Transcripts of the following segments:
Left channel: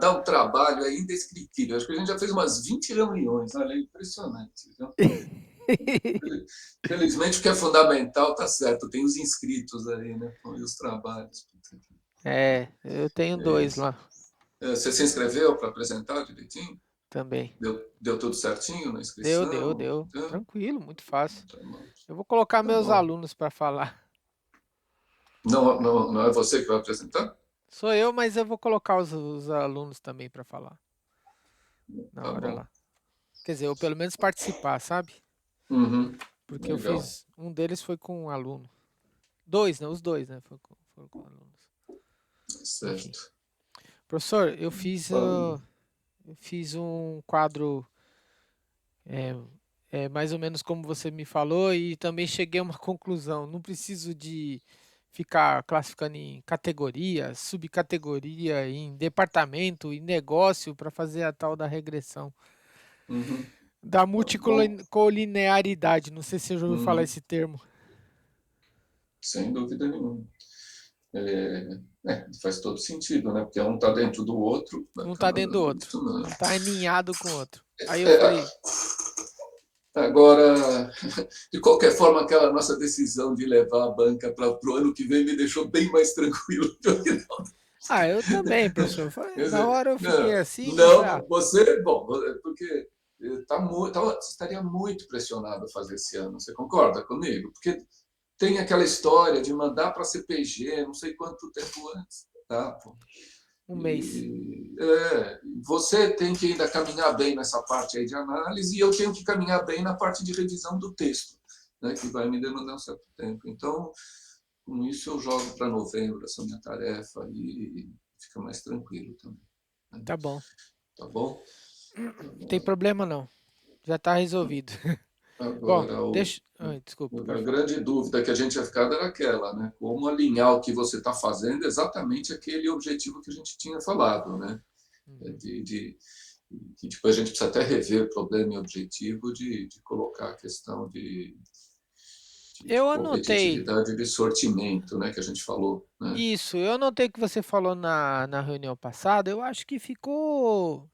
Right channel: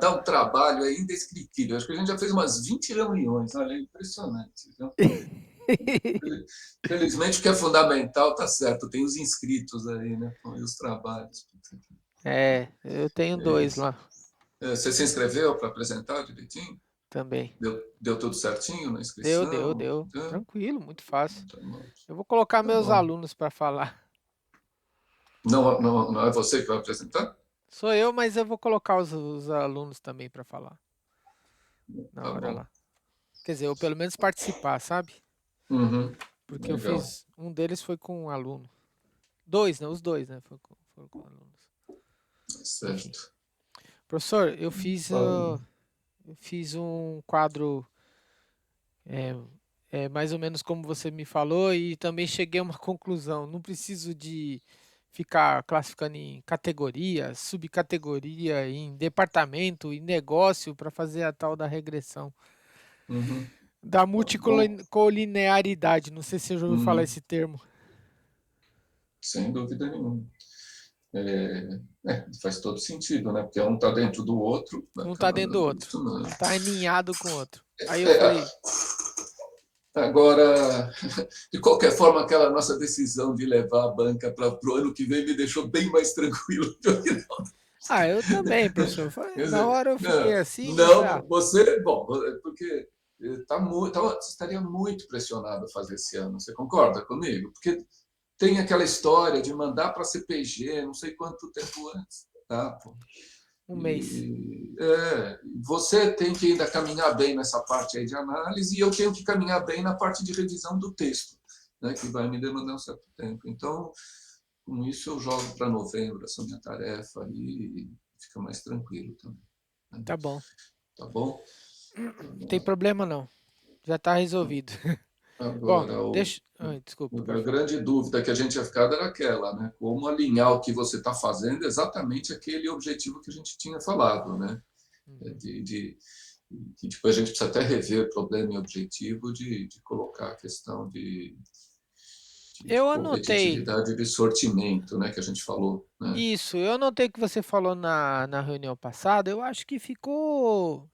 dá um trabalho é indescritível. Acho que a gente já fez umas 20 reuniões, olha, é impressionante. Viu? Felizmente, o que é fundamental está certo, tem os inscritos aí, né? E os trabalhos. Eu tenho É dois isso. lá Você se inscreveu para apresentar direitinho? também. Deu tudo certinho na inscrição? Deu. Tá, Tranquilo, muito fácil. tá bom. Eu vou colocar Tá meus bom. alunos para falar. Não é você que vai apresentar? Sou eu, mas eu vou colocar os alunos também para falar na Tá hora bom. lá. Quer dizer, ou pelo menos participar, sabe? Uhum. Porque eu Legal. fiz. Um deles foi com um aluno. Dois, né? Os dois, né? Foram com alunos. Enfim. Certo. Professor, Fala. eu fiz um quadro é, mais ou menos como você me falou e também cheguei a uma conclusão. Não preciso de ficar classificando em categoria, subcategoria, em departamento, em negócio para fazer a tal da regressão. Uhum. Da Tá bom. multicolinearidade, não sei se você já ouviu falar Uhum. esse termo. Sem dúvida nenhuma. Faz todo sentido, né? Porque um está dentro do outro, Um está acaba dentro do dando outro, isso, né? um está aninhado com o outro. Aí eu É, falei, agora, de qualquer forma, aquela nossa decisão de levar a banca para o ano que vem me deixou bem mais tranquilo do que não. ah, eu também, professor. Quer Na dizer, hora eu fiquei não, assim, mas falei, não, você, bom, porque você estaria muito pressionado a fazer esse ano, você concorda comigo? Porque tem aquela história de mandar para a CPG, não sei quanto tempo antes, tá? Pô. um mês. Você tem que ainda caminhar bem nessa parte aí de análise e eu tenho que caminhar bem na parte de revisão do texto, né, que vai me demandar um certo tempo. Então, com isso eu jogo para novembro essa minha tarefa e fica mais tranquilo também. Né? Tá bom. Tá bom? Não tem problema não. Já tá resolvido. Bom, Agora, deixa. Ai, desculpa, a pode falar. grande dúvida que a gente ia ficar era aquela, né? Como alinhar o que você está fazendo exatamente aquele objetivo que a gente tinha falado, né? Uhum. De que depois a gente precisa até rever o problema e objetivo de colocar a questão de Eu anotei competitividade e de sortimento, né, que a gente falou. Né? isso. Eu anotei o que você falou na reunião passada. Eu acho que ficou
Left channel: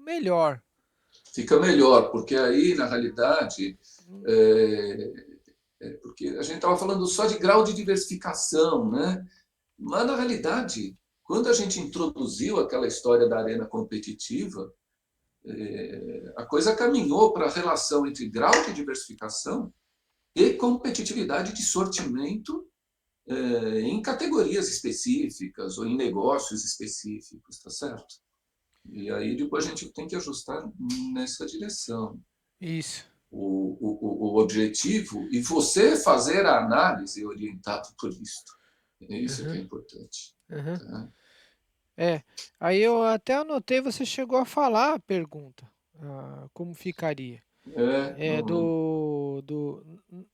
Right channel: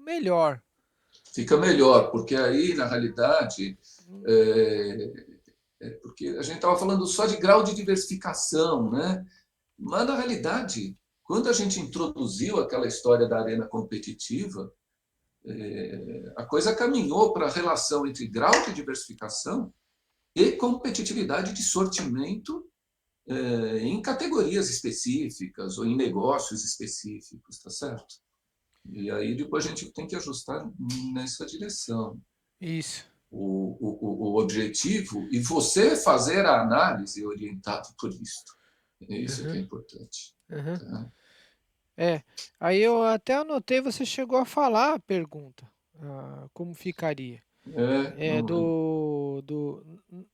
melhor. Fica melhor, porque aí, na realidade, Hum, é, porque a gente estava falando só de grau de diversificação, né? Mas, na realidade, quando a gente introduziu aquela história da arena competitiva, a coisa caminhou para a relação entre grau de diversificação e competitividade de sortimento em categorias específicas ou em negócios específicos, tá certo? E aí depois a gente tem que ajustar nessa direção. Isso. O objetivo e você fazer a análise orientado por isso. É isso que Uhum, é importante. uhum. Tá? É. Aí eu até anotei, você chegou a falar a pergunta. Como ficaria? É Não,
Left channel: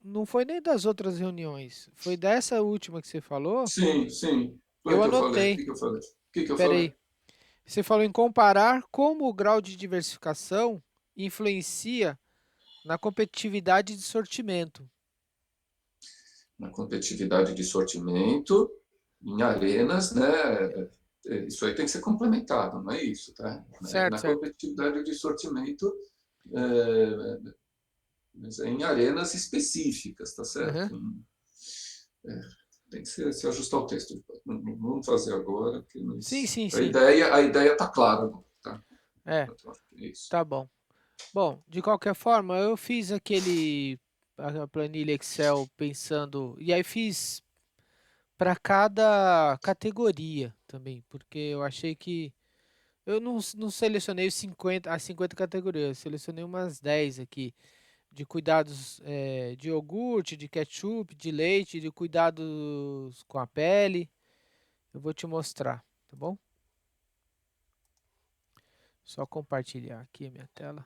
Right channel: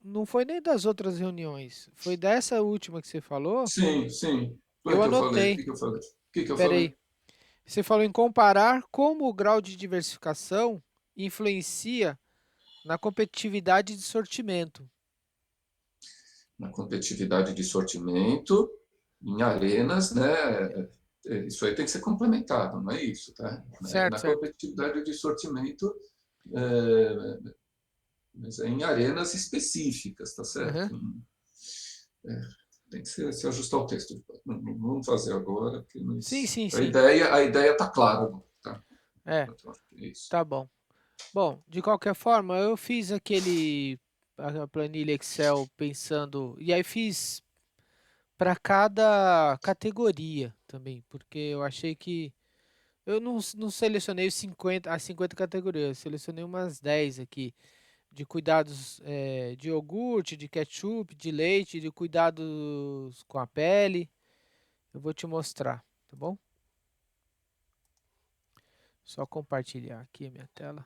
não foi nem das outras reuniões, foi dessa última que você falou. sim, sim. Foi o Eu que eu falei. O anotei. que, que eu falei? O que, que eu falei? Peraí. Você falou em comparar como o grau de diversificação influencia na competitividade de sortimento. Na competitividade de sortimento, em arenas, né? Isso aí tem que ser complementado, não é isso, tá? Certo, Na certo. competitividade de sortimento, é, mas é em arenas específicas, tá Uhum. certo? É, tem que se ajustar o texto. Não vamos fazer agora, porque Sim, mas sim, sim. a ideia está clara, tá? É, Então, acho que é isso. tá bom. Bom, de qualquer forma, eu fiz a planilha Excel pensando, e aí fiz para cada categoria também, porque eu achei que eu não selecionei as 50 categorias, eu selecionei umas 10 aqui, de cuidados de iogurte, de ketchup, de leite, de cuidados com a pele. Eu vou te mostrar, tá bom? Só compartilhar aqui a minha tela.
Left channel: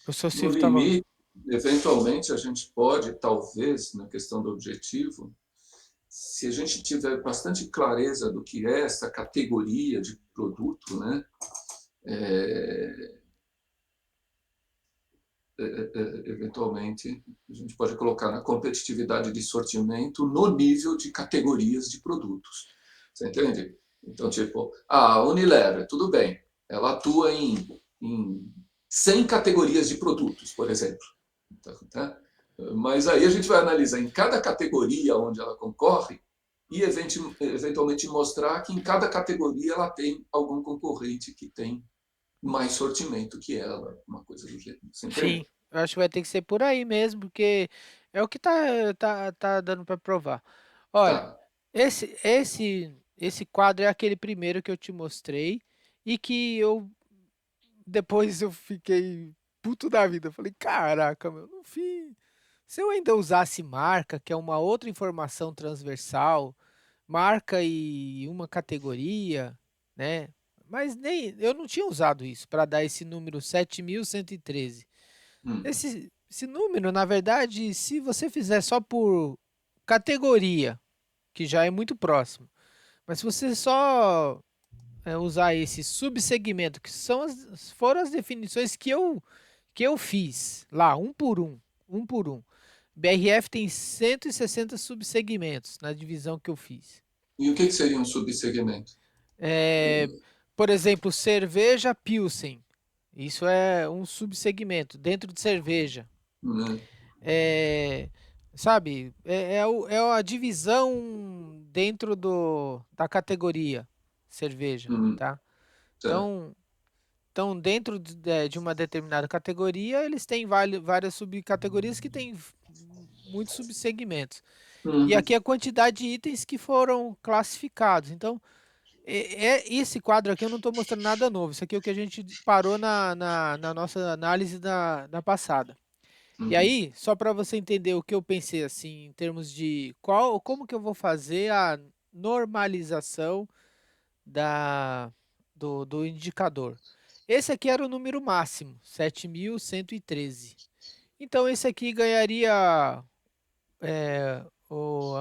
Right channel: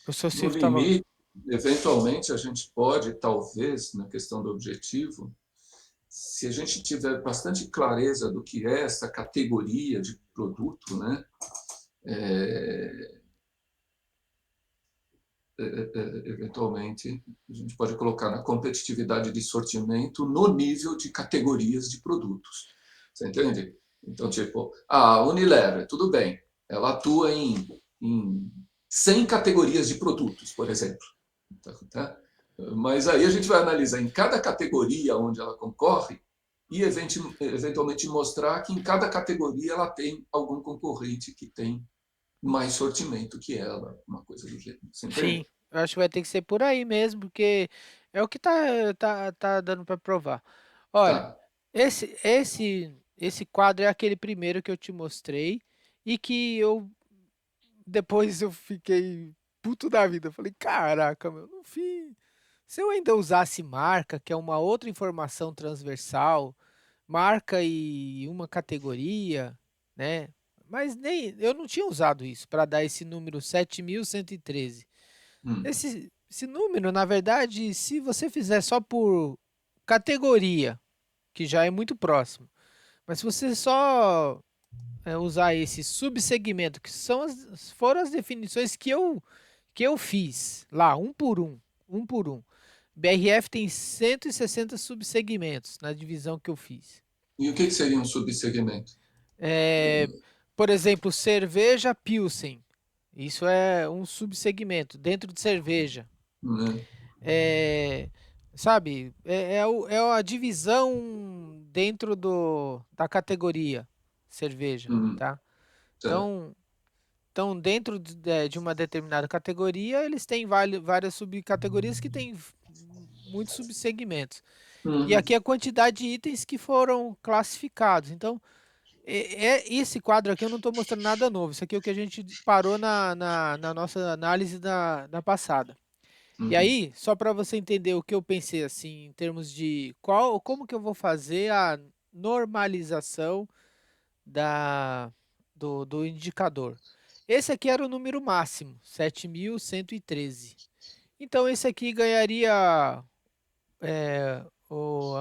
O professor No Silvio estava. limite, eventualmente, a gente pode, talvez, na questão do objetivo, se a gente tiver bastante clareza do que é essa categoria de produto, né? É, eventualmente, a gente pode colocar na competitividade de sortimento no nível de categorias de produtos. Você entende? Então, tipo, a Unilever, tudo bem, ela atua em 100 categorias de produtos, por exemplo. Tá? Mas aí a gente vai analisar em cada categoria onde ela concorre e eventualmente mostrar que em cada categoria ela tem algum concorrente que tem mais sortimento que ela, uma coisa do gênero. Você Sim, entende? eu acho que vai ter que ser por aí mesmo, porque é o que tá dando para provar. Olha, Tá. esse quadro é aquele primeiro que eu te mostrei e que eu depois eu fiquei puto da vida. Eu falei, caraca, meu, no fim, se eu ainda usasse marca, que é uma outra informação transversal, marca e uma categoria, né? Mas nem eu não tinha usado isso para dar esse número 7.113. Hum, Esse número, na verdade, se você fizer só por categoria, que já é muito próximo, mas se você só usar esse subsegmento, que foram as definições que eu fiz lá, um por um. BRF tem 160 subsegmentos na divisão que eu fiz. e o que seria um subsegmento? É, por exemplo, cerveja Pilsen. Isso é um subsegmento dentro de cerveja. Né? É, sabe, é a divisão dentro da categoria cerveja, Hum, tá? tá. Então, dentro de uma determinada categoria, eles têm várias subcategorias que têm muitos subsegmentos. E Uhum. aqui a quantidade de itens que foram classificados. Então, esse quadro aqui eu não estou mostrando nada novo. Isso aqui é o que a gente parou na nossa análise da passada. E Uhum. aí, só para você entender o que eu pensei assim, em termos de como que eu vou fazer a normalização do indicador. Esse aqui era o número máximo, 7.113. Então, esse aqui ganharia a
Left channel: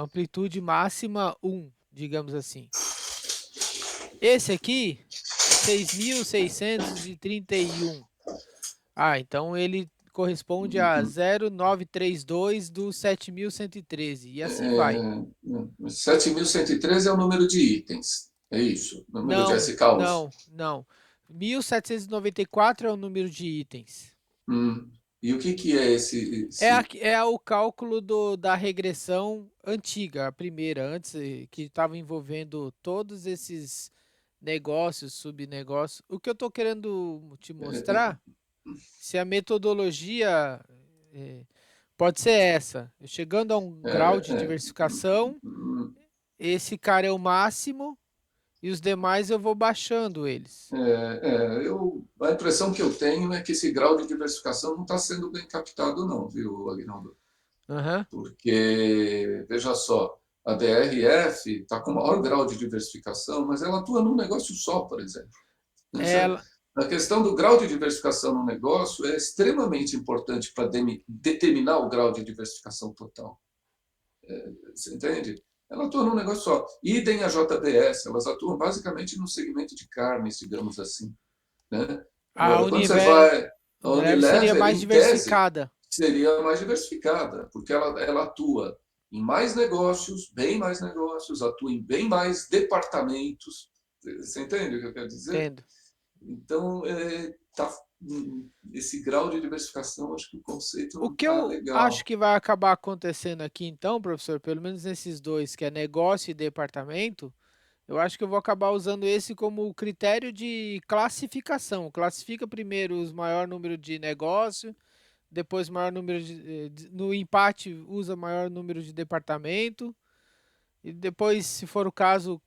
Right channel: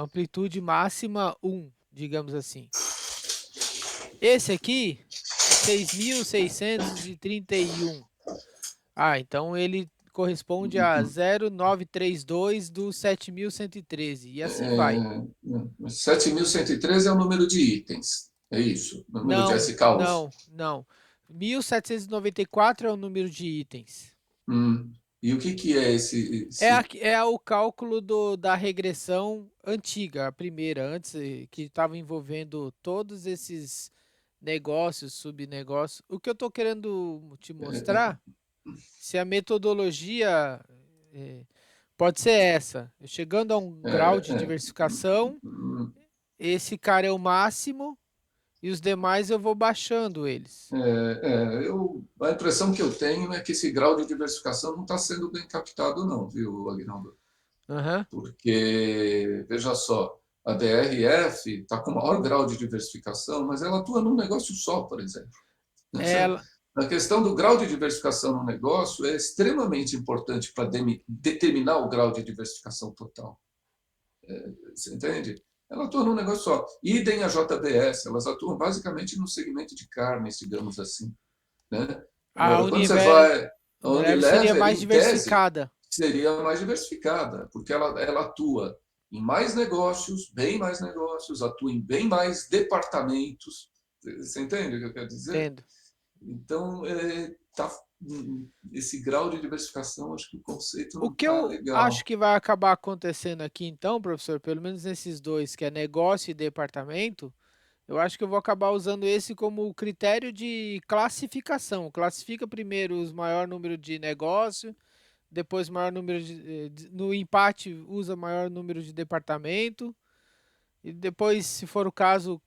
amplitude máxima 1, digamos assim. Esse aqui, 6.631. Ah, então ele corresponde a Uhum. 0,932 do 7.113. E assim vai. 7.113 é o número de itens. É isso? O número de Não, SKUs. não, não. 1.794 é o número de itens. E o que é esse, É o cálculo da regressão antiga, a primeira, antes que estava envolvendo todos esses negócios, subnegócios. O que eu estou querendo te mostrar, se a metodologia eh, pode ser essa, chegando a um é, grau de é, diversificação, hum, esse cara é o máximo e os demais eu vou baixando eles. a impressão que eu tenho é que esse grau de diversificação não está sendo bem captado, não, viu, Agnaldo? Aham. Porque, veja só, a DRF está com maior grau de diversificação, mas ela atua num negócio só, por exemplo. Ela, A questão do grau de diversificação no negócio é extremamente importante para determinar o grau de diversificação total. Você entende? Ela atua num negócio só. Idem a JBS, elas atuam basicamente no segmento de carnes, digamos assim. Né? a Agora, quando você vai. A Unilever seria Unilever, mais em tese, diversificada. seria mais diversificada, porque ela atua em mais negócios, bem mais negócios, atua em bem mais departamentos. Você entende o que eu quero dizer? Entendo. Então, esse grau de diversificação, acho que o conceito O não que está eu acho legal. que vai acabar acontecendo aqui então, professor, pelo menos nesses dois, que é negócio e departamento, eu acho que eu vou acabar usando esse como critério de classificação. Classifica primeiro os maior número de negócio, depois maior número no empate usa maior número de departamento e depois, se for o caso,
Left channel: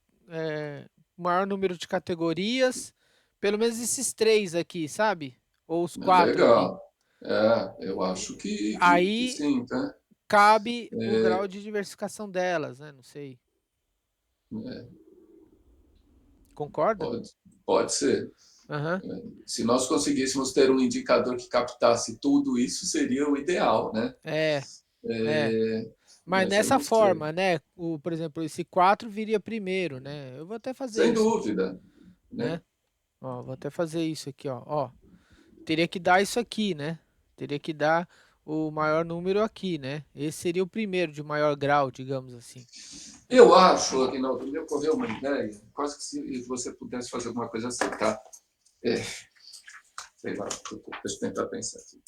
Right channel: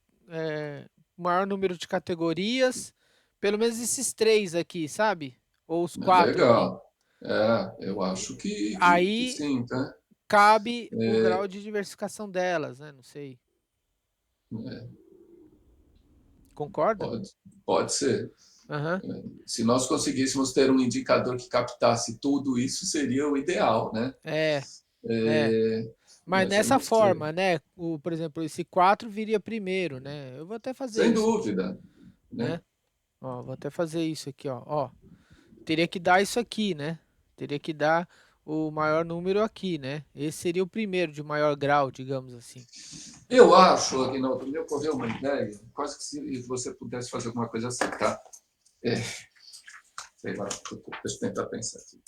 maior número de categorias. Pelo menos esses três aqui, sabe? Ou os É quatro aqui. legal. Eu acho que Aí sim, tá? cabe o grau É, de diversificação delas, né? Não sei. é, Concorda? pode, pode ser. Aham. Se nós conseguíssemos ter um indicador que captasse tudo isso, seria o ideal, né? É, é. É, Mas mas eu nessa não sei. forma, né? Por exemplo, esse 4 viria primeiro, né? Eu vou até fazer Sem isso aqui, dúvida, né? né? Ó, vou até fazer isso aqui, ó. Ó, teria que dar isso aqui, né? Teria que dar o maior número aqui, né? Esse seria o primeiro de maior grau, digamos assim. Eu acho, Aguinaldo, me ocorreu uma ideia, quase que se você pudesse fazer alguma coisa assim, tá? Sei lá, deixa eu tentar pensar aqui.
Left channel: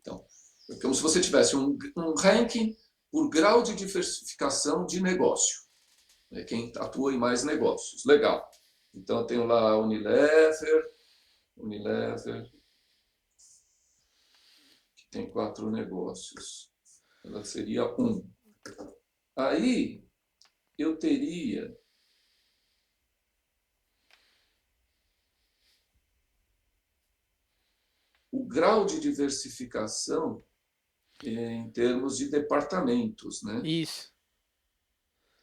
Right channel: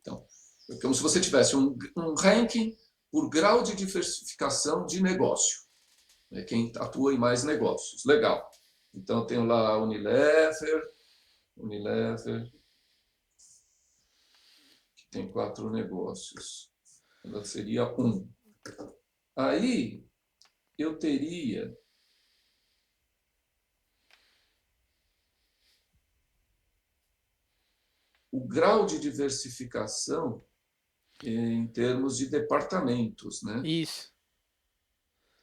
Então, é como se você tivesse um ranking por grau de diversificação de negócio. Né? Quem atua em mais negócios. Legal. Então, eu tenho lá a Unilever, que tem 4 negócios. Ela seria 1. Aí, eu teria o grau de diversificação em termos de departamentos, né? Isso.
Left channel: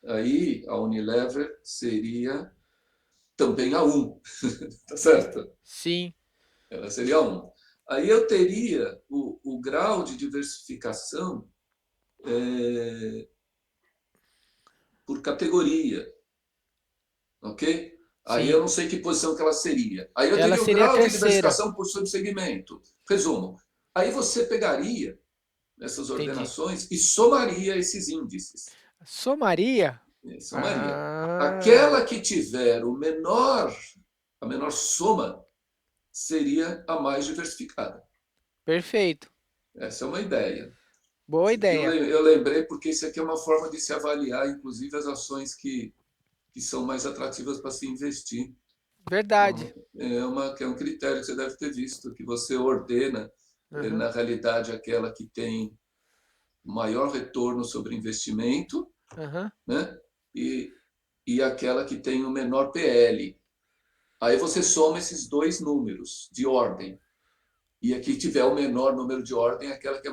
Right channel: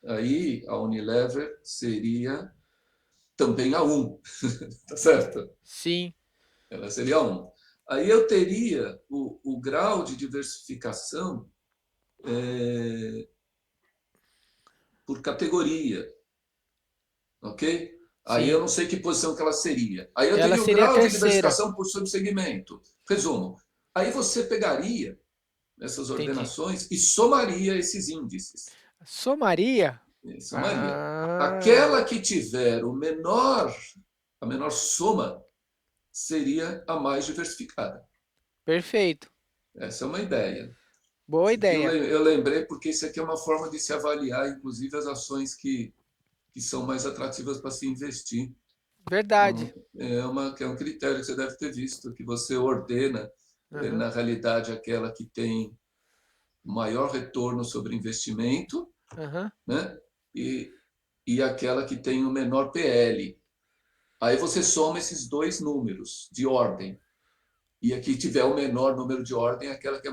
Aí a Unilever seria também a 1, tá certo? Sim, Ela seria a 1. Aí eu teria o grau de diversificação por categoria, ok? Aí eu sim. não sei que posição que ela seria. Aí eu Ela teria o seria a grau de terceira. diversificação por subsegmento. Resumo. Aí você pegaria essas Entendi. ordenações e somaria esses índices. Somaria? Somaria. Ah, Aquela que tiver a menor soma seria a mais diversificada. perfeito. Essa é uma ideia. Boa Isso aqui ideia. eu lembrei porque isso aqui é uma forma de se avaliar, inclusive, as ações que são mais atrativas para se investir. Então, Verdade. que é um critério que você deve ter visto, que você ordena, Aham, na realidade, aquela que tem maior retorno sobre investimento, aham. né? E, e aquela que tem o menor PL. Aí você soma esses dois números de ordem. E a que tiver o menor número de ordem é aquela que é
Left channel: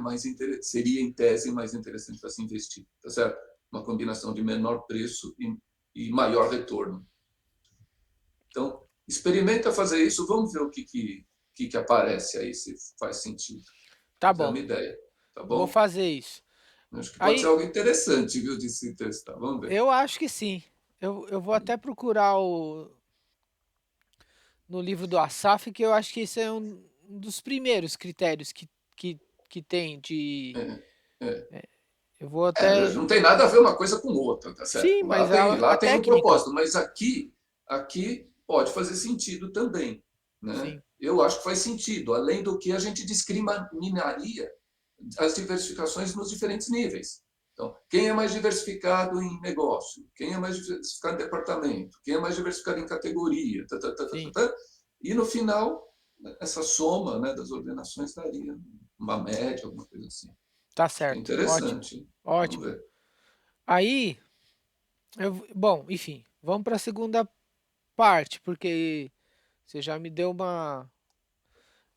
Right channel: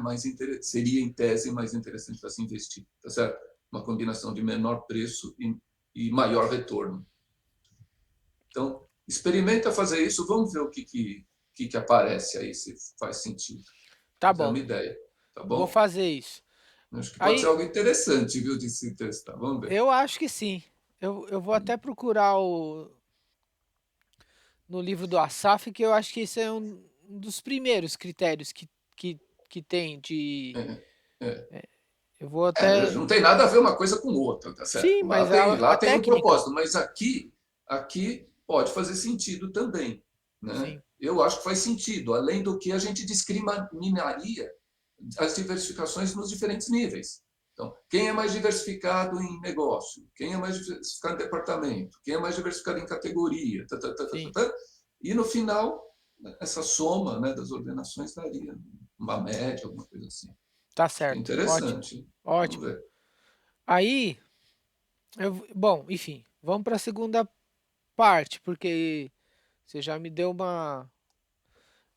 seria, em tese, mais interessante para se investir. Tá certo? Uma combinação de menor preço e maior retorno. Então, experimenta fazer isso, vamos ver o que aparece aí, se faz sentido. Tá Essa é bom. uma ideia, tá Vou bom? fazer isso. Acho que pode ser Aí, algo interessante, viu, de se testar. Vamos ver. eu acho que sim. Eu vou até procurar no livro do Asaf, que eu acho que esse é um dos primeiros critérios que, que tem de. É, é. Eu vou até. Não tem nada a ver uma coisa com outra, tá Sim, certo? mas Lá a tem um técnica. propósito, mas aqui pode fazer sentido também, né? Sim, Eu acho que faz sentido, além do que a gente discriminaria as diversificações nos diferentes níveis. Então, quem é mais diversificado em negócio? Quem é mais diversificado em departamento? Quem é mais diversificado em categoria? sim. E no final, essa soma, né, das ordenações daria uma média, alguma coisa assim. Tá É certo. Ótimo. interessante. Vamos Ótimo. ver. Aí, bom, enfim, vamos para a segunda parte, porque você já me deu uma.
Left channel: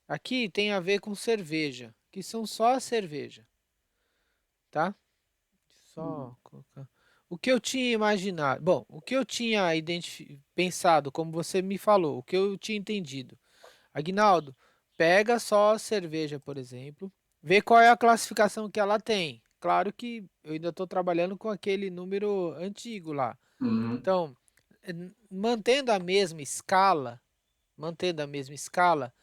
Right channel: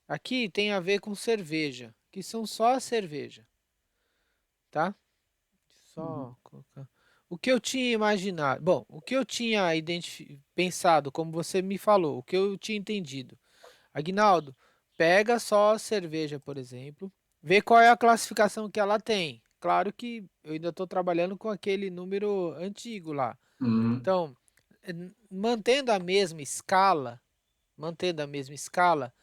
Aqui tem a ver com cerveja, que são só a cerveja, tá? Só colocar. O que eu tinha imaginado, bom, o que eu tinha pensado, como você me falou, o que eu tinha entendido. Aguinaldo, pega só a cerveja, por exemplo, vê qual é a classificação que ela tem. Claro que eu ainda estou trabalhando com aquele número antigo lá. Uhum. Então, mantendo a mesma escala, mantendo a mesma escala,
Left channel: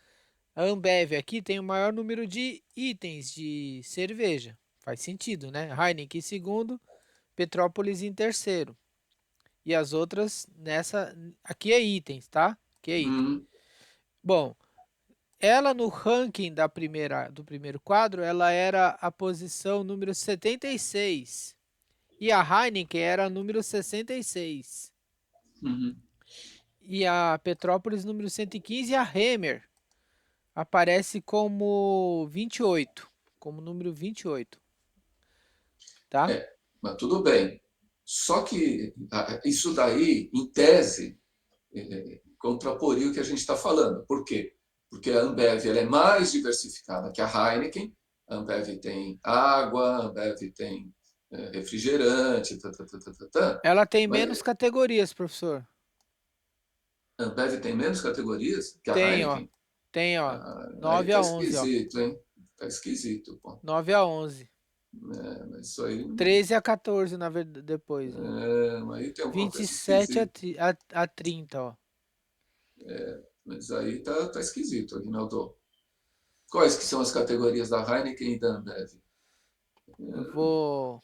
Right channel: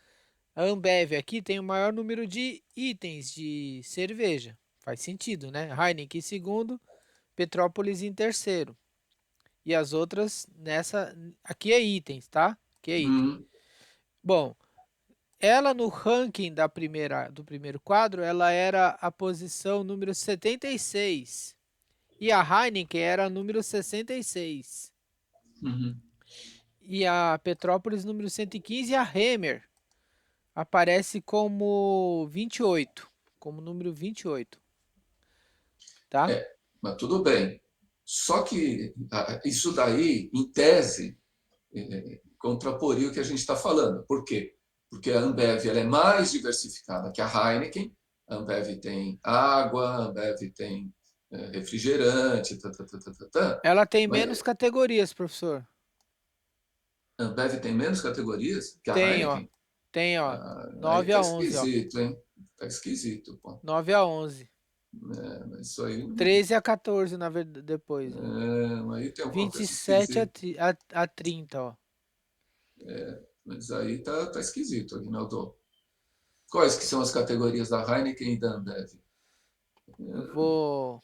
a Ambev aqui tem o maior número de itens de cerveja. Faz sentido, né? Heineken em segundo, Petrópolis em terceiro. E as outras nessa. Aqui é itens, tá? Aqui é item. Uhum. Bom, ela no ranking do primeiro quadro, ela era a posição número 76. E a Heineken era a número 66. Uhum. E a Petrópolis número 115 e a Hemer aparece como 28, como número 28, tá? Mas tudo bem. Só que isso daí, em tese, contraporia o que a gente está falando. Por quê? Porque a Ambev ela é mais diversificada que a Heineken. A Ambev tem água, a Ambev tem refrigerante, Ela tem menos mas categorias, professor. a Ambev tem menos categorias que a Tem, ó. Heineken. Tem, ó. Aí 9 tá a 11, ó. esquisito, hein? Tá esquisito, pô. 9 a 11. Mas isso aí, 13 a 14, na verdade, depois, ó. aí tem alguma coisa 27 esquisita. a 30, ó. Mas aí tá esquisito, Aguinaldo. Quais que são as categorias da Heineken e da Ambev? Eu vou.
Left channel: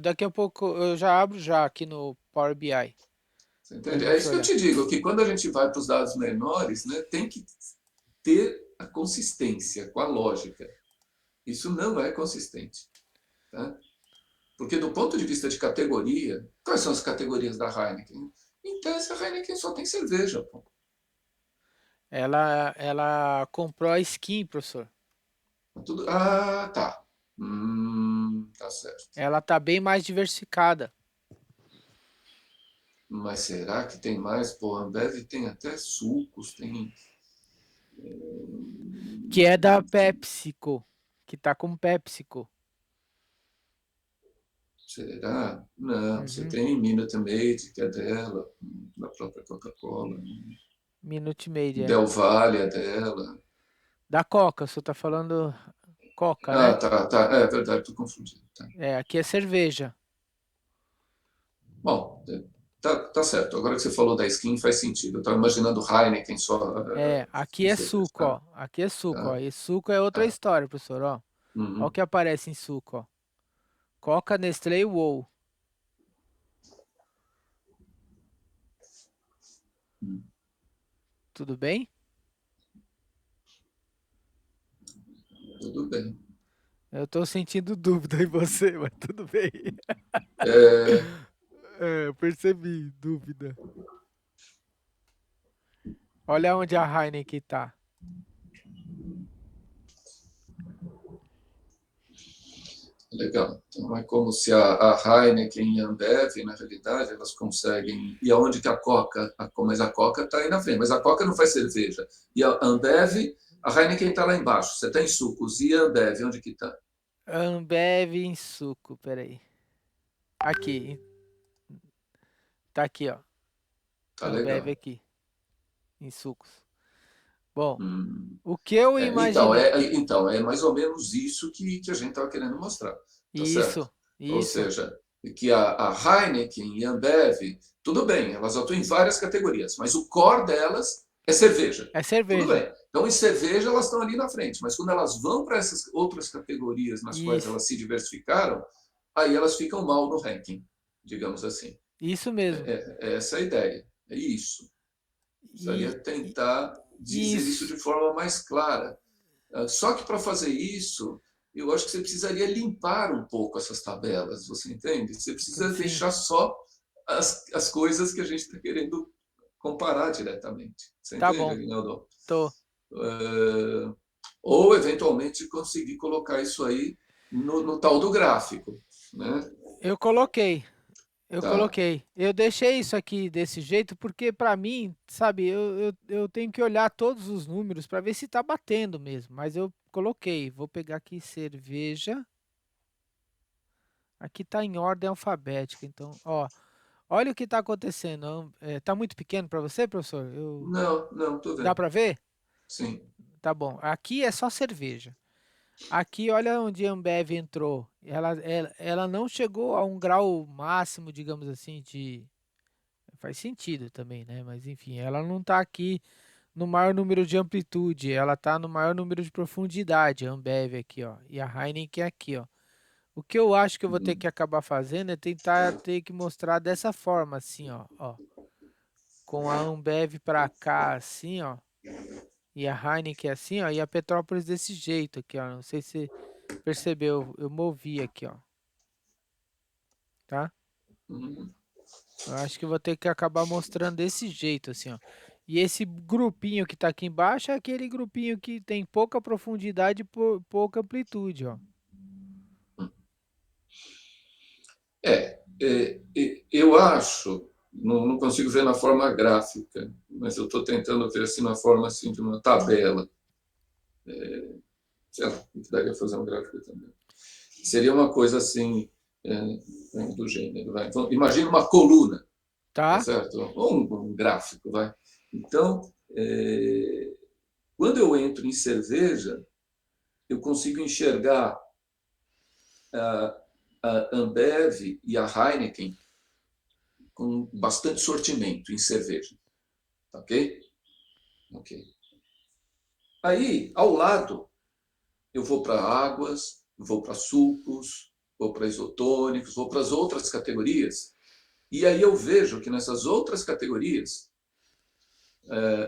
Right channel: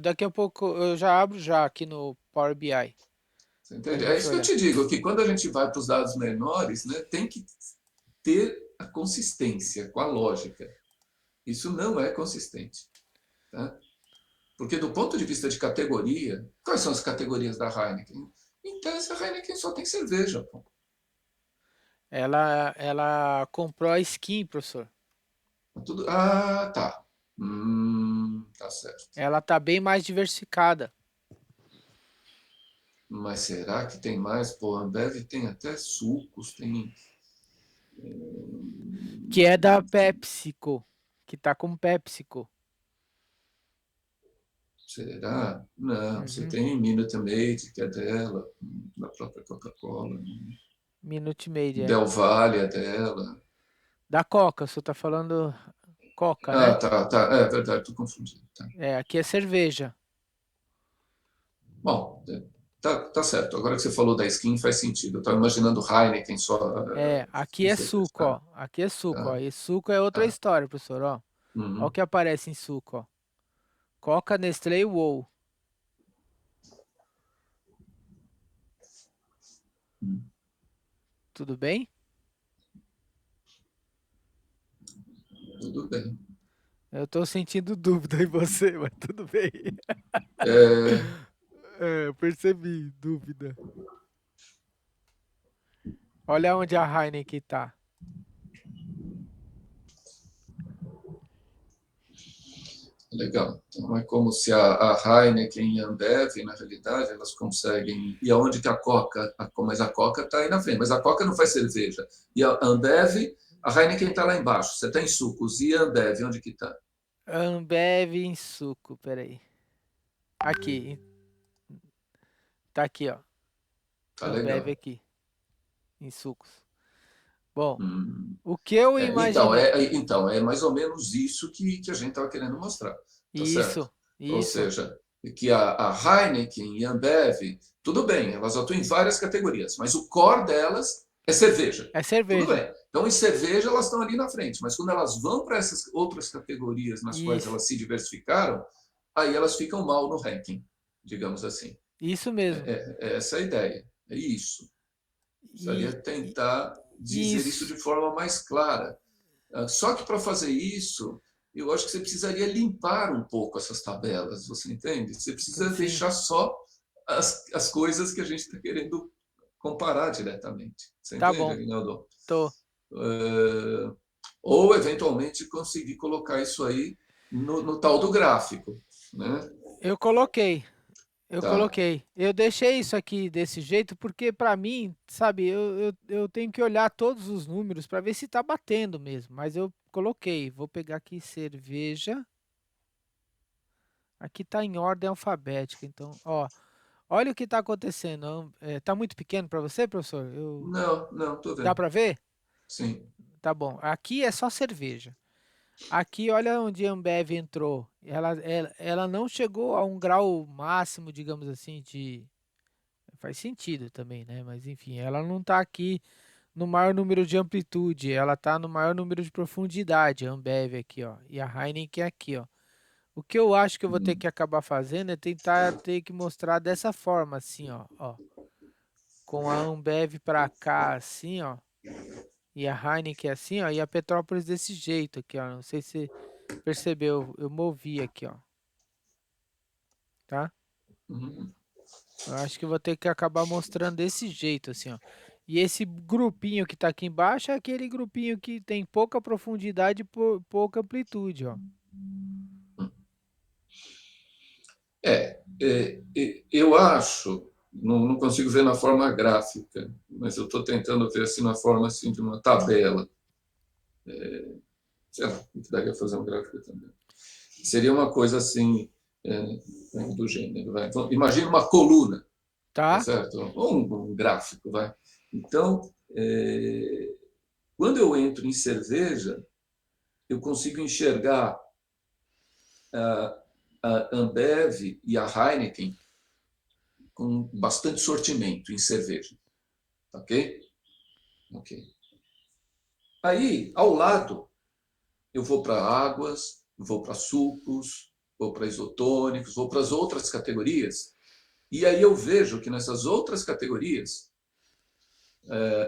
Daqui a pouco eu já abro já aqui no Power BI Você para a entende? É gente isso que eu olhar. te digo, que quando a gente vai para os dados menores, né, tem que ter a consistência com a lógica. Isso não é consistente. Tá? Porque do ponto de vista de categoria, quais são as categorias da Heineken? Em tese, a Heineken só tem cerveja. Pô. Ela comprou a skin, professor. Tudo... Ah, tá. Tá certo. Ela tá bem mais diversificada. Mas será que tem mais? Pô, a Ambev tem até sucos, tem. Que é da PepsiCo. Que tá com PepsiCo. Será? Não, você Uhum. tem Minute Maid, que é dela, da própria Coca-Cola. Minute Maid, é. Del Valle é dela. Da Coca, o senhor tá falando Coca, Ah, né? tá, tá. É verdade, tô confundindo. Tá. É, aqui é cerveja. Bom, tá certo. Agora que você falou da skin, faz sentido. Eu estava imaginando Heineken só É, aqui de é cerveja. suco, Tá, ó. Aqui é suco, ó. tá, E suco é outra tá. história, professor, ó. Ó o Uhum. que aparece em suco, ó. Coca, Nestlé e Uou. Uhum. Tudo bem? Tudo bem. Eu tô sentindo dúvida em você, mas tudo bem. É, É, eu percebi, dúvida. Olha onde a Heineken tá. legal. Então, é como se a Heineken e a Ambev, na realidade, elas conseguem. E aonde que a Coca. Mas a Coca está aí na frente. Mas a Coca não faz cerveja. E a Ambev, a Heineken está lá embaixo. Você está em sucos. E a Ambev, onde que está? Ambev em suco, peraí. Aqui, tá aqui, ó. Tá Ambev legal. aqui, em sucos. Bom, Hum. o que eu Então, imaginei. é mais ou menos isso que a gente estava querendo mostrar, tá certo? Isso, Ou isso. seja, que a Heineken e a Ambev, tudo bem, elas atuam em várias categorias, mas o core delas é cerveja. É Tudo cerveja. bem. Então, em cerveja, elas estão ali na frente, mas quando elas vão para essas outras categorias nas quais Isso, elas se diversificaram, aí elas ficam mal no ranking, digamos assim. isso mesmo. É essa a ideia. É isso. Precisaria E, e- tentar dizer isso isso, de forma mais clara. Só que para fazer isso, eu acho que você precisaria limpar um pouco essas tabelas, você entende? Você precisa sim, deixar só as coisas que a gente está querendo comparar diretamente. Você tá entende, bom. Aguinaldo? Tô. Ou, eventualmente, conseguir colocar isso aí no tal do gráfico. Né? Eu coloquei. Eu Tá. coloquei. Eu deixei isso aqui desse jeito porque, para mim, sabe, eu tenho que olhar todos os números para ver se tá batendo mesmo. Mas eu coloquei. Vou pegar aqui cerveja. Aqui tá em ordem alfabética. Então, ó, olha o que tá acontecendo. Tá muito pequeno para você, professor? Não, não, estou Dá vendo. para ver? Sim. Tá bom. Aqui é só cerveja. Aqui, olha onde a Ambev entrou. Ela não chegou a um grau máximo, digamos assim, de. Faz sentido também, né? Mas enfim, ela não está aqui no maior número de amplitude, ela está no maior número de profundidade, a Ambev aqui, ó. E a Heineken aqui, ó. O que eu acho que eu vou ter que acabar fazendo é tentar ter que mostrar dessa forma, assim, ó. Com a Ambev para cá, assim, ó. E a Heineken assim, ó. E a Petrópolis desse jeito aqui, ó. Não sei se você percebeu, eu movi aqui, ó. Tá? Uhum. Eu acho que eu vou ter que acabar mostrando desse jeito, assim, ó. E esse grupinho que tá aqui embaixo é aquele grupinho que tem pouca profundidade e pouca amplitude, ó. Eu acho, não consigo ver na forma gráfica, mas eu estou tentando ver assim na forma assim de uma tabela. Sei lá, que daria fazer um gráfico também. Seria uma coisa assim do gênero. Vai. Então, imagina uma coluna, tá Tá? certo? Ou um gráfico, vai. Então, quando eu entro em cerveja, eu consigo enxergar a Ambev e a Heineken com bastante sortimento em cerveja, ok? Ok. Aí, ao lado, eu vou para águas, vou para sucos, vou para isotônicos, vou para as outras categorias. E aí eu vejo que nessas outras categorias,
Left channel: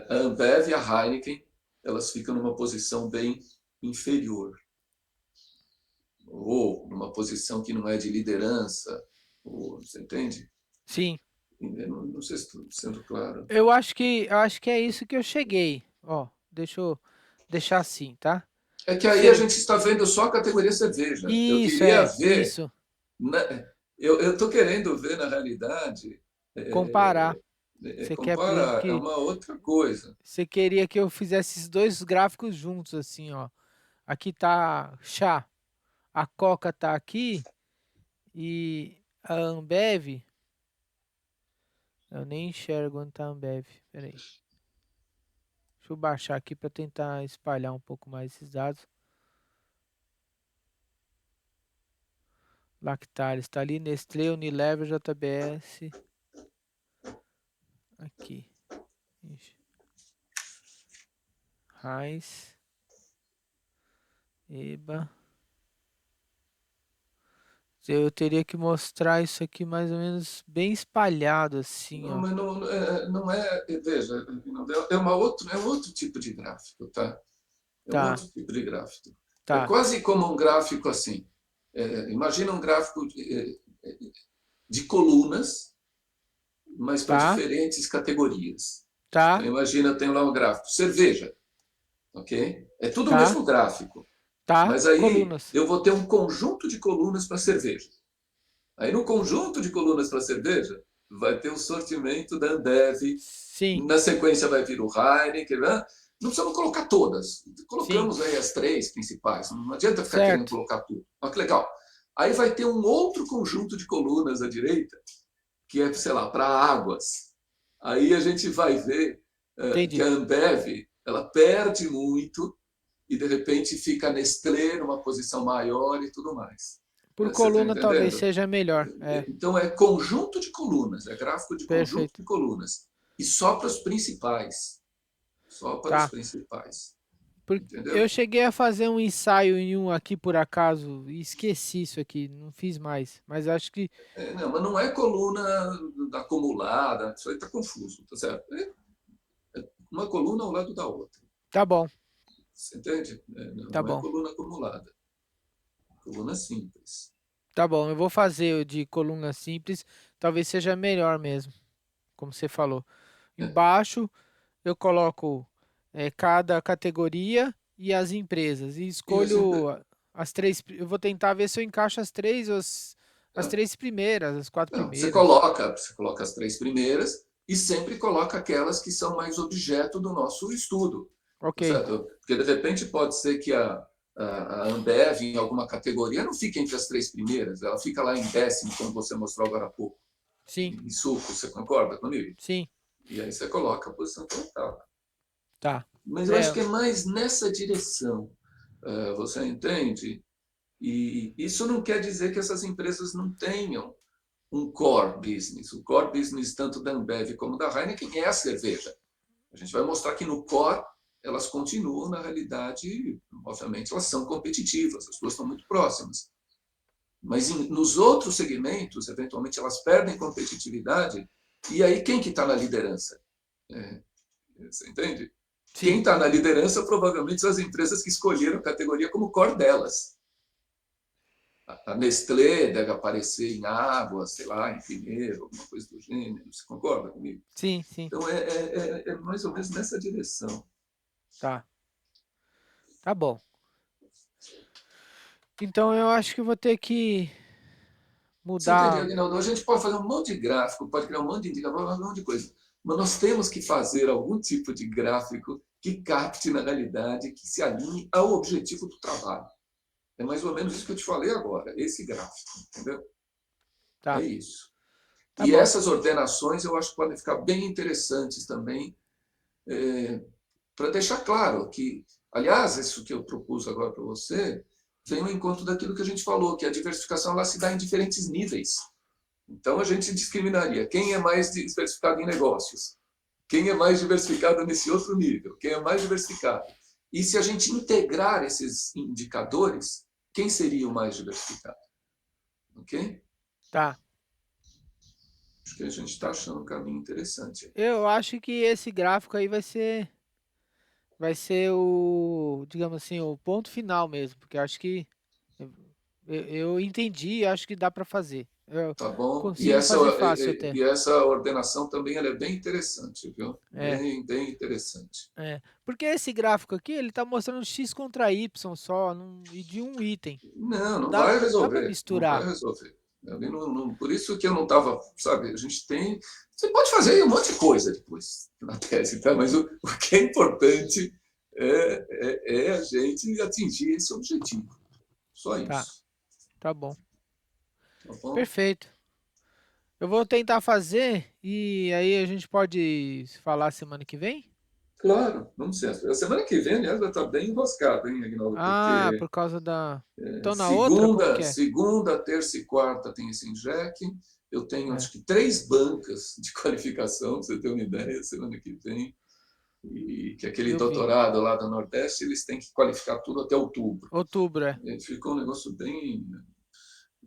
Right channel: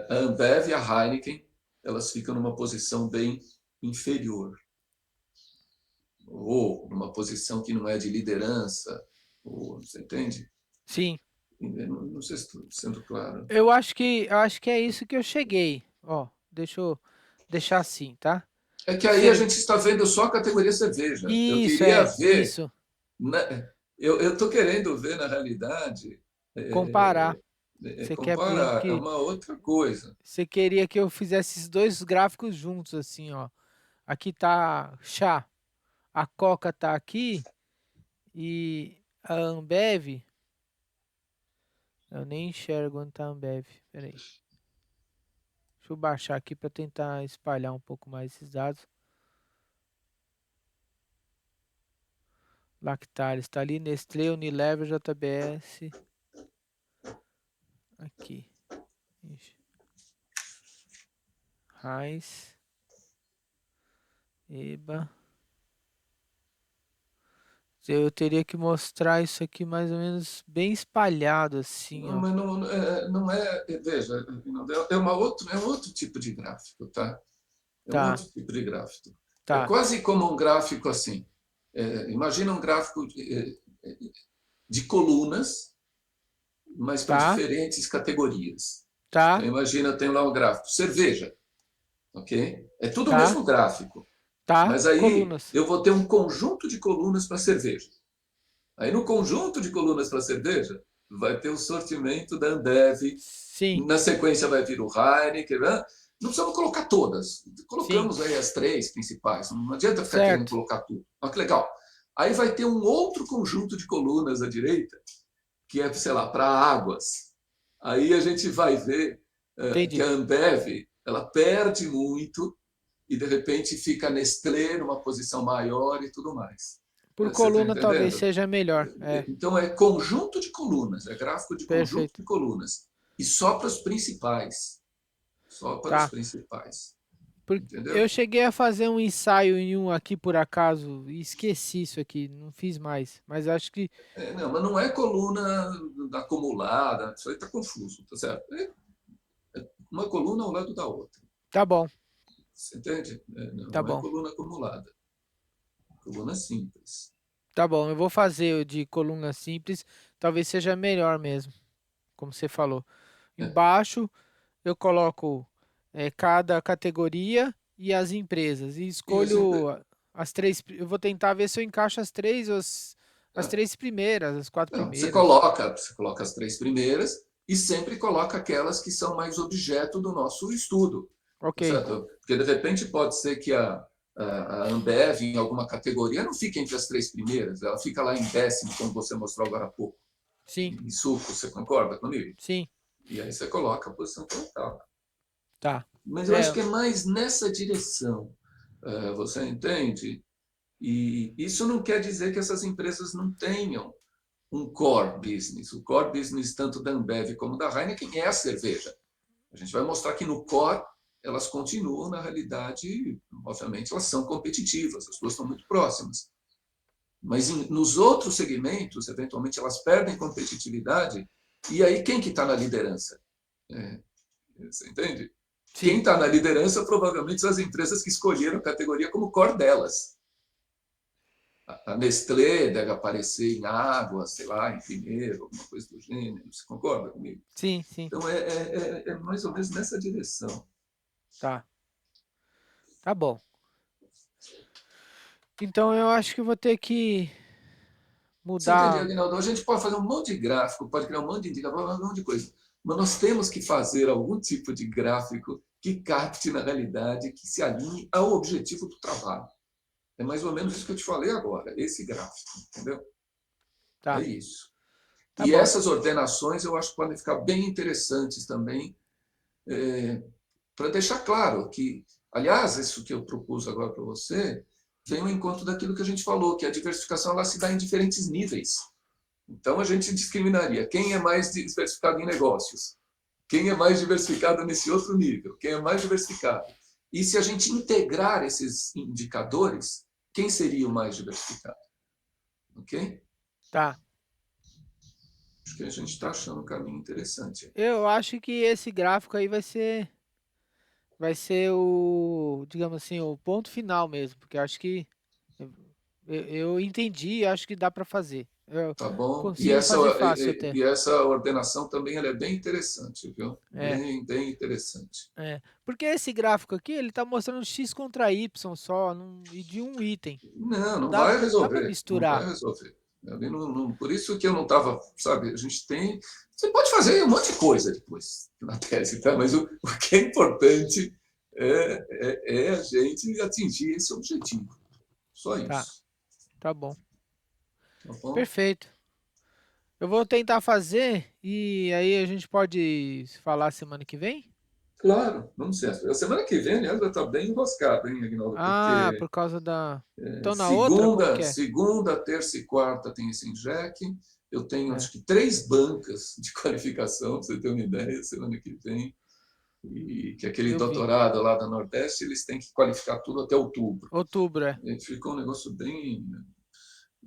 a Ambev e a Heineken, elas ficam numa posição bem inferior. Ou numa posição que não é de liderança, ou, você entende? Sim. Não sei se estou sendo claro. Eu acho que é isso que eu cheguei. Ó, deixa eu deixar assim, tá? É que aí a Cer- gente está vendo só a categoria cerveja. Eu Isso, queria é, ver, isso. né, eu estou querendo ver, na realidade, Comparar. Você quer, por exemplo, comparar, é que uma outra coisa. você queria que eu fizesse esses dois gráficos juntos, assim, ó. Aqui tá chá, a Coca tá aqui e a Ambev, eu nem enxergo onde tá a Ambev. Peraí. Deixa eu baixar aqui para tentar espalhar um pouco mais esses dados. Lactalis está ali, Nestlé, Unilever, JBS. Aqui. Ixi. Heinz. Eba. Eu teria que mostrar isso aqui mais ou menos bem espalhado assim, Não, ó. mas não é, veja, é um outro tipo de gráfico, tá? É um Tá, outro tipo de gráfico. É tá, quase como um gráfico assim. Imagina um gráfico de colunas, mas para tá, diferentes categorias. Então, tá, imagina, tem lá um gráfico. Cerveja, ok? É tudo o tá, mesmo gráfico, tá. mas aí Colunas. eu vou ter um conjunto de colunas para cerveja. Aí no conjunto de colunas para cerveja, vai ter o sortimento da Ambev, Sim, na sequência vai vir o Heineken, né? Não precisamos colocar todas. sim. Colocamos aí as três principais. Não adianta ficar querendo Certo. colocar tudo. Olha que legal. Aí vai ter um outro conjunto de colunas à direita, que é, sei lá, para águas. Aí a gente vai ver que a Entendi. Ambev ela perde muito e de repente fica a Nestlé numa posição maior e tudo mais. Por Você está coluna talvez entendendo? seja melhor. É, Então é conjunto de colunas, é gráfico de conjunto perfeito. de colunas. E só para os principais. Só para os Tá. principais. Eu Entendeu? cheguei a fazer um ensaio em um aqui por acaso e esqueci isso aqui, não fiz mais. Mas acho que Não, mas não é coluna acumulada, isso aí está confuso, tá certo? É uma coluna ao lado da outra. tá bom, Você entende? tá Não é bom, coluna acumulada, coluna simples. tá bom. Eu vou fazer o de coluna simples, talvez seja melhor mesmo, como você falou. É, Embaixo eu coloco cada categoria e as empresas e e assim, escolho as três. Eu vou tentar ver se eu encaixo as três, as três primeiras, as quatro não, primeiras. você coloca as três primeiras e sempre coloca aquelas que são mais objeto do nosso estudo. Tá Ok, certo? Porque de repente pode ser que a Ambev, em alguma categoria, não fique entre as três primeiras, ela fica lá em décimo, como você mostrou agora há pouco, sim, em suco, você concorda comigo? sim, E aí você coloca a posição total. tá. Mas eu acho É, que é mais nessa direção, você entende? E isso não quer dizer que essas empresas não tenham um core business. O core business, tanto da Ambev como da Heineken, é a cerveja. A gente vai mostrar que no core elas continuam, na realidade, obviamente, elas são competitivas, as duas estão muito próximas. Mas nos outros segmentos, eventualmente, elas perdem competitividade. E aí, quem que está na liderança? É, você entende? Quem sim, está na liderança provavelmente são as empresas que escolheram a categoria como core delas. A Nestlé deve aparecer em água, sei lá, em primeiro, alguma coisa do gênero. Você concorda comigo? sim, sim, Então, é mais ou menos nessa direção. tá. Tá bom. Então eu acho que eu vou ter que Você entendeu, mudar. Aguinaldo? A gente pode fazer um monte de gráfico, pode criar um monte de indicador, um monte de coisa. Mas nós temos que fazer algum tipo de gráfico que capte, na realidade, que se alinhe ao objetivo do trabalho. É mais ou menos isso que eu te falei agora, esse gráfico, entendeu? É Tá, isso. tá E bom. essas ordenações eu acho que podem ficar bem interessantes também, para deixar claro que, aliás, isso que eu propus agora para você, vem ao encontro daquilo que a gente falou, que a diversificação ela se dá em diferentes níveis. Então a gente discriminaria quem é mais diversificado em negócios, quem é mais diversificado nesse outro nível, quem é mais diversificado. E se a gente integrar esses indicadores, quem seria o mais diversificado? Ok? Tá. Acho que a gente está Tá. achando um caminho interessante. Eu acho que esse gráfico aí vai ser o, digamos assim, o ponto final mesmo, porque eu acho que eu entendi e acho que dá para fazer. Eu Tá bom? E consigo essa, fazer fácil e, até. e essa ordenação também ela é bem interessante, viu? É, Bem interessante. é. Porque esse gráfico aqui, ele tá mostrando x contra y só, e de um item. Não, Não não dá, vai não dá para resolver. Não vai misturar. resolver. Por isso que eu não estava, sabe, a gente tem. Você pode fazer um monte de coisa depois na tese, tá? Mas o que é importante é a gente atingir esse objetivo. Só Tá, isso. tá bom. Tá bom? Perfeito. Eu vou tentar fazer e aí a gente pode falar semana que vem? Claro, vamos ser. A semana que vem, aliás, vai estar bem enroscado, hein, Aguinaldo? Ah, Porque por causa da. Então na outra, como segunda, que é? segunda, terça e quarta tem esse INJEC. Eu tenho, É, acho que, 3 bancas de qualificação, para você ter uma ideia, semana que vem. E que aquele eu vi. doutorado lá do Nordeste, eles têm que qualificar tudo até outubro. Outubro, é. E ficou um negócio bem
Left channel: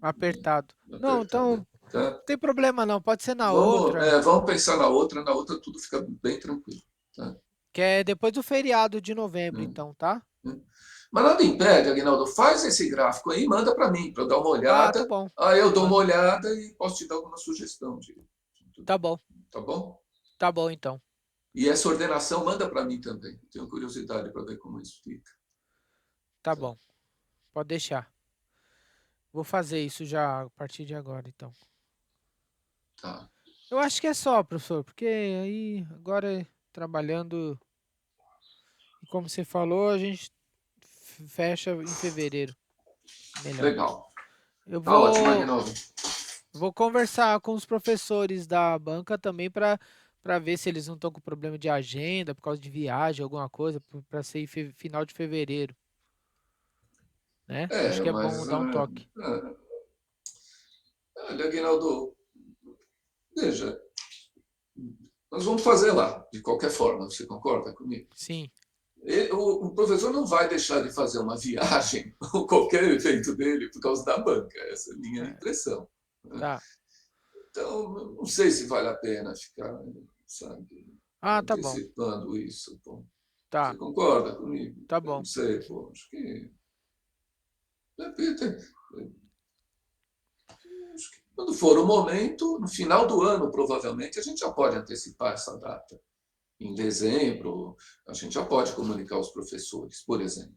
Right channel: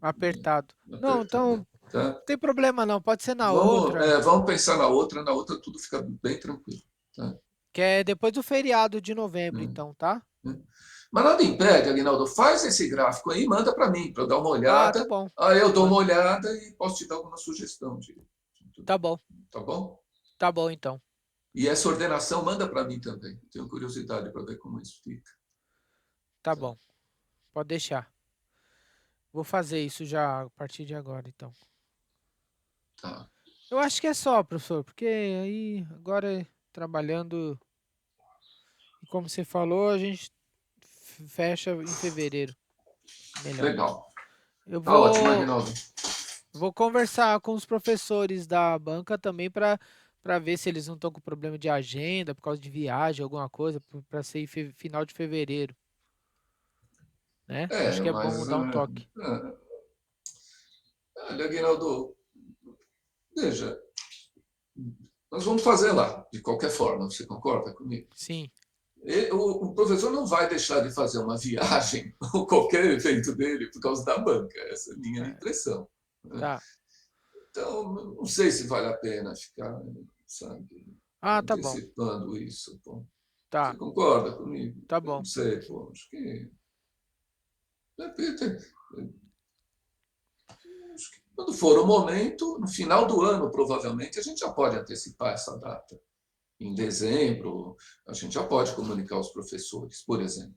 Apertado. Não, apertado. então, Tá? não tem problema não, pode ser na outra, Vamos pensar na outra tudo fica bem tranquilo. Tá? que é depois do feriado de novembro, Hum, então, tá? hum. Mas nada impede, Aguinaldo, faz esse gráfico aí e manda para mim, para eu dar uma Ah, tá olhada. bom. Aí eu dou uma Mano, olhada e posso te dar alguma sugestão. tá bom. Tá bom? Tá bom, então. E essa ordenação manda para mim também. Tenho curiosidade para ver como isso fica. Tá bom. Pode deixar. Vou fazer isso já a partir de agora, então. Tá. Eu acho que é só, professor, porque aí agora trabalhando, e como você falou, a gente fecha em fevereiro. Melhor. Legal. Eu Tá ótimo, vou Aguinaldo. vou conversar com os professores da banca também para ver se eles não estão com problema de agenda por causa de viagem, alguma coisa, para ser em final de fevereiro, né? Acho que é bom Mas dar um toque. olha, Aguinaldo, veja, nós vamos fazer lá, de qualquer forma, você concorda comigo? Sim, O professor não vai deixar de fazer uma viagem ou qualquer evento dele por causa da banca, essa é a minha é, impressão. Né? tá. Então, não sei se vale a pena ficar, sabe, Ah, tá bom. antecipando isso. Pô. Você Tá, concorda comigo? tá Eu bom. não sei, pô, acho que, de repente, acho que quando for o momento, no final do ano, provavelmente, a gente já pode antecipar essa data. Em dezembro, a gente já pode comunicar aos professores, por exemplo.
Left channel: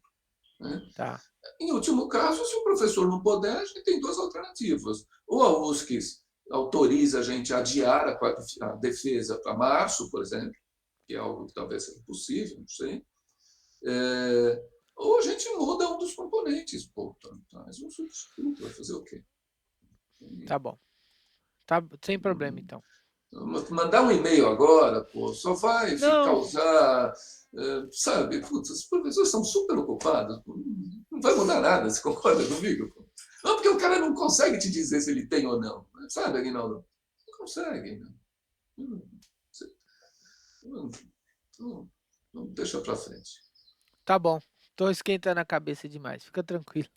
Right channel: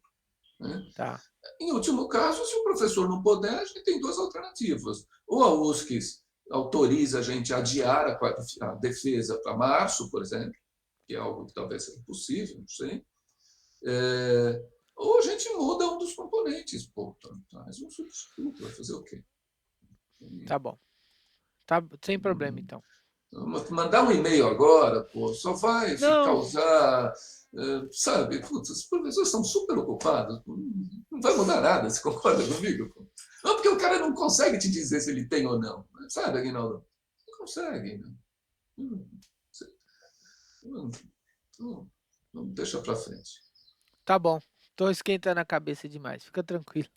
Né? Tá. Em último caso, se o professor não puder, a gente tem 2 alternativas. Ou a USCIS autoriza a gente a adiar a defesa para março, por exemplo, que é algo que talvez seja possível, não sei. Ou a gente muda um dos componentes, pô, traz um substituto, vai fazer o quê? Tá bom. Tá sem problema então. Mandar um e-mail agora, pô, só vai Não, causar, sabe, putz, os professores são super ocupados, não vai mudar nada, você concorda comigo? Pô? Não, porque o cara não consegue te dizer se ele tem ou não, sabe, Aguinaldo? Não consegue. Né? Não, não, não deixa para frente. tá bom. Tô esquentando a cabeça demais. Fica tranquilo.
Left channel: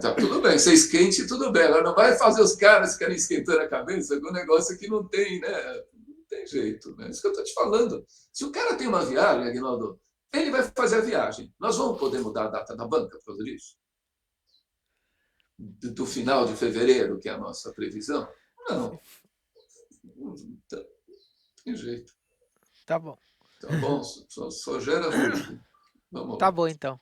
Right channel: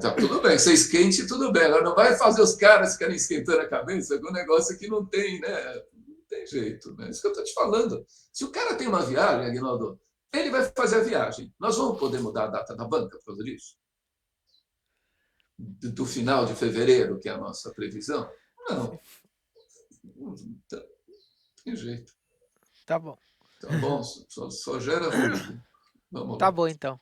Tá tudo bem, você esquente, tudo bem. Agora não vai fazer os caras ficarem esquentando a cabeça com um negócio que não tem, né? Não tem jeito, né? Isso que eu estou te falando. Se o cara tem uma viagem, Aguinaldo, ele vai fazer a viagem. Nós vamos poder mudar a data da banca por causa disso? Do final de fevereiro, que é a nossa previsão? Se Não, f- não tem jeito. Tá bom. Tá bom? Só gera ruído. Vamos Tá lá. bom então.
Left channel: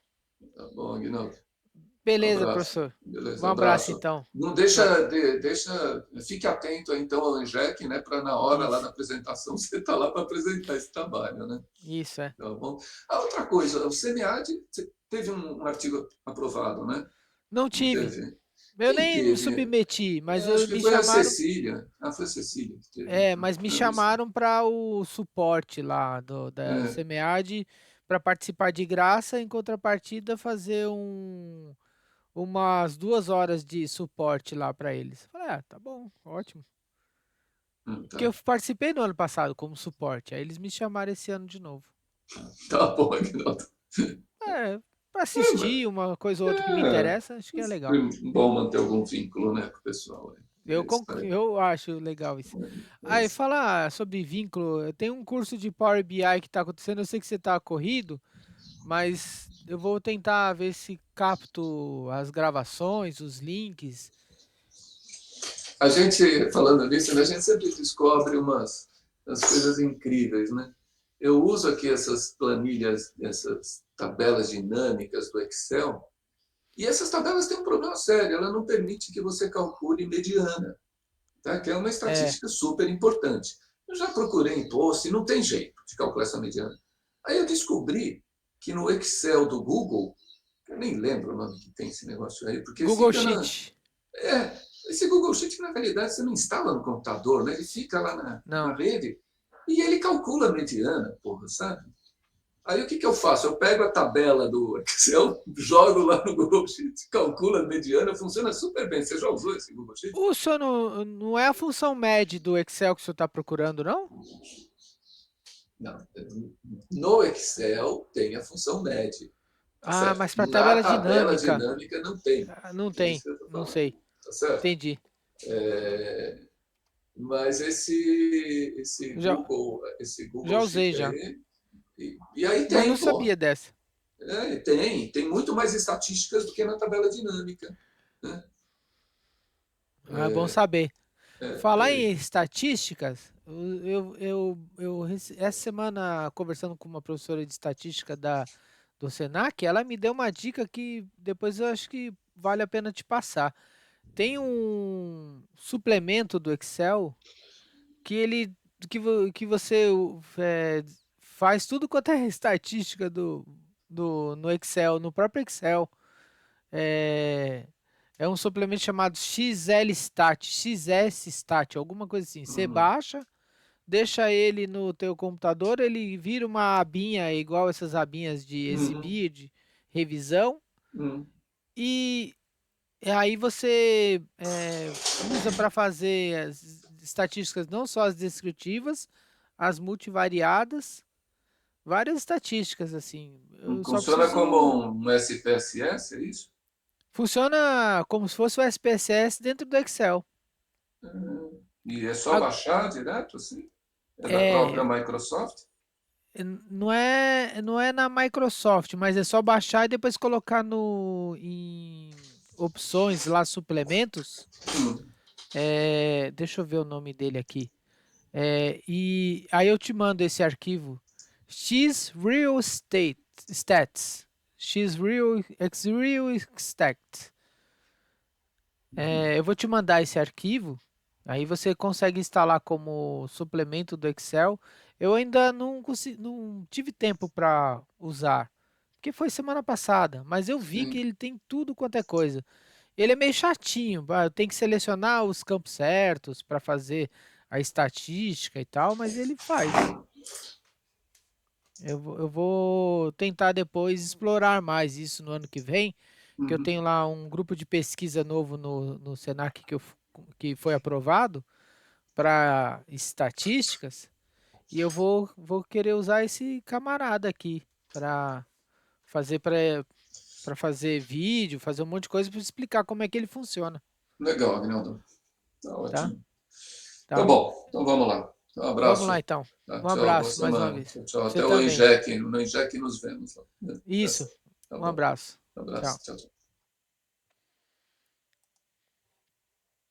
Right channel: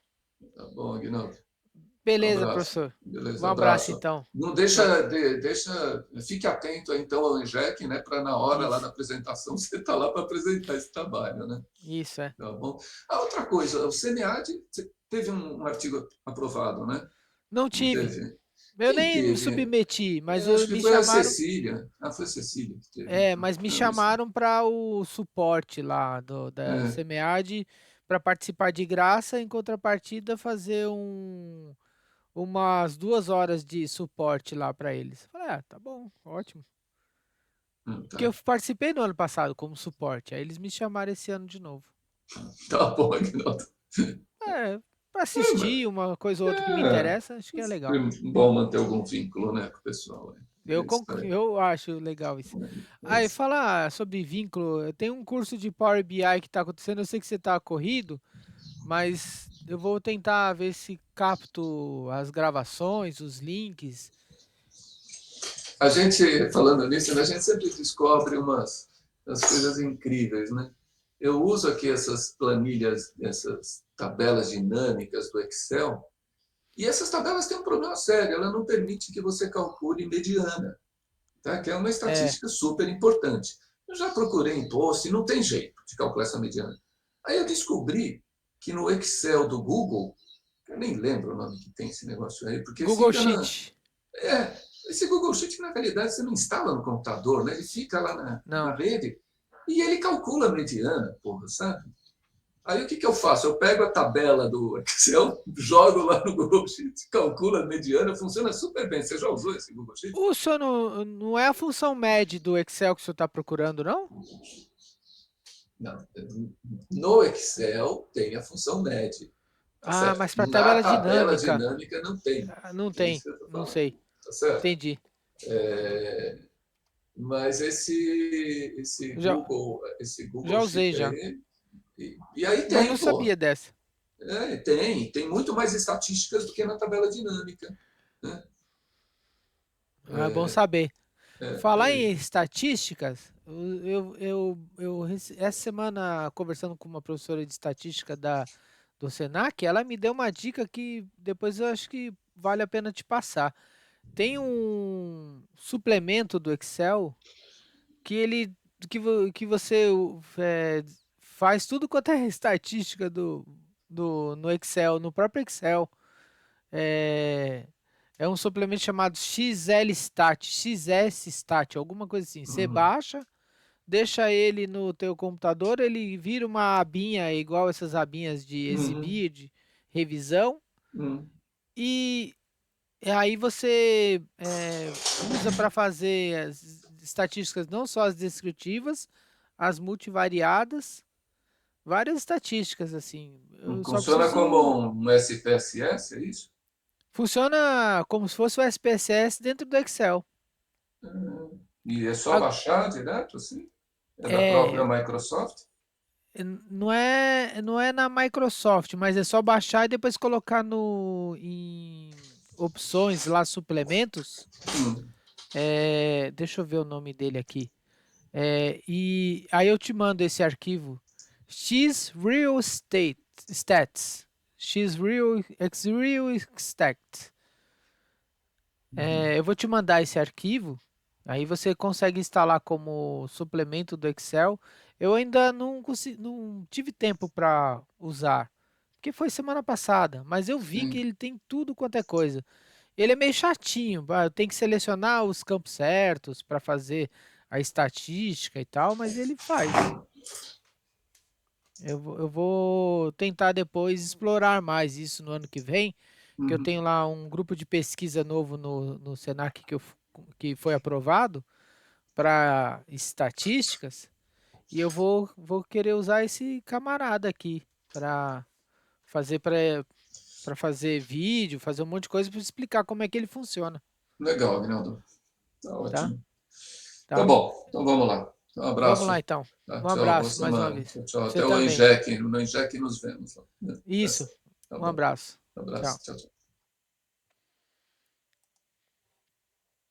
Tá bom, Aguinaldo? Um Beleza, abraço. professor. Um Beleza, abraço abraço. então. Não Va- fique atento então ao ENJEC, né, para na hora lá Isso. da apresentação você estar lá para apresentar esse trabalho, né? Isso é. Tá bom? A outra coisa, o CNEAD teve um artigo aprovado, né? Não Não tive. teve? Eu Quem nem me teve? submeti, mas eu Acho que me foi a chamaram. Cecília. Ah, foi a Cecília que teve. Mas me Não, isso. chamaram para o suporte lá da É. SEMEAD para participar de graça, em contrapartida fazer umas 2 horas de suporte lá para eles. Falei, tá bom, ótimo. Porque eu Tá. participei no ano passado como suporte, aí eles me chamaram esse ano de novo. Tá bom, Aguinaldo. Para É, mas assistir uma coisa ou outra que me é interessa, acho que é legal. sempre bom manter algum vínculo, né, com o pessoal. É isso aí. Eu acho legal isso. É Aí, isso. falar sobre vínculo, tem um curso de Power BI que está acontecendo, eu sei que você está corrido, mas eu vou tentar ver se capto as gravações, os links. A gente, falando nisso, né, a gente sempre descobre umas coisas incríveis, né? Eu uso aqui essas planilhas, essas tabelas dinâmicas do Excel, e essas tabelas têm um problema sério, ela não permite que você calcule mediana, tá? Que é uma É, estatística super importante. Eu já procurei em post e não tem jeito de calcular essa mediana. Aí eu descobri que no Excel do Google, eu nem lembro o nome que tem esse negócio aí, porque Google fica na. Sheet. É, esse Google Sheet, na realidade, você não instala no computador, né? Ele fica lá na Não. rede e ele calcula a mediana, porra, sabe? Aí o que eu faço? Eu pego a tabela do Excel, jogo lá no Google Sheet, calculo a mediana, funciona super bem. Você já usou esse Google Sheet? O senhor não é a função MED do Excel que o senhor está procurando, não? Não. No Excel tem a função MED, tá Ah, certo? mas para Na tabela tabela dinâmica. dinâmica não tem. Ah, não É isso tem, que eu estou não falando, sei. tá certo? Entendi. É, mas Já, esse já Google usei Sheet já. aí, e aí Mas não tem, pô. sabia dessa. Tem muito mais estatísticas do que na tabela dinâmica, né? Ah, é bom saber. Falar Tem. em estatísticas, essa semana, conversando com uma professora de estatística do Senac, ela me deu uma dica que depois eu acho que vale a pena te passar. Tem um suplemento do Excel que ele que você faz tudo quanto é estatística no Excel, no próprio Excel. É, é um suplemento chamado XLStat, XSStat, alguma coisa assim. Você Uhum, baixa, deixa ele no teu computador, ele vira uma abinha igual essas abinhas de uhum, exibir, de revisão, uhum, e aí você usa para fazer as estatísticas, não só as descritivas, as multivariadas, várias estatísticas assim. Eu só funciona como preciso. um SPSS, é isso? Funciona como se fosse o SPSS dentro do Excel. E é só A- baixar direto, assim? É da própria É, Microsoft? não é na Microsoft, mas é só baixar e depois colocar no em opções lá, suplementos. Hum, Deixa eu ver o nome dele aqui. E aí eu te mando esse arquivo. X Real Estate Stats. X Real X Real Stats. uhum. Eu vou te mandar esse arquivo. Aí você consegue instalar como suplemento do Excel. Eu ainda não tive tempo para usar, porque foi semana passada, mas eu vi que Sim. ele tem tudo quanto é coisa. Ele é meio chatinho, eu tenho que selecionar os campos certos para fazer a estatística e tal, mas ele faz. Eu vou tentar depois explorar mais isso no ano que vem, que eu Uhum. tenho lá um grupo de pesquisa novo no Senac que foi aprovado para estatísticas, e eu vou querer usar esse camarada aqui para fazer para fazer vídeo, fazer um monte de coisa para explicar como é que ele funciona, Legal, Agnaldo. Tá tá? ótimo. Tá Tá. bom, então vamos lá. Um Vamos lá abraço. então. Tá, Um tchau, boa abraço mais uma semana. vez. Tchau, tchau. Você Até o também. Enjec. No Enjec nos vemos. Isso. Tá Um bom. abraço. Um abraço. Tchau. Tchau, tchau.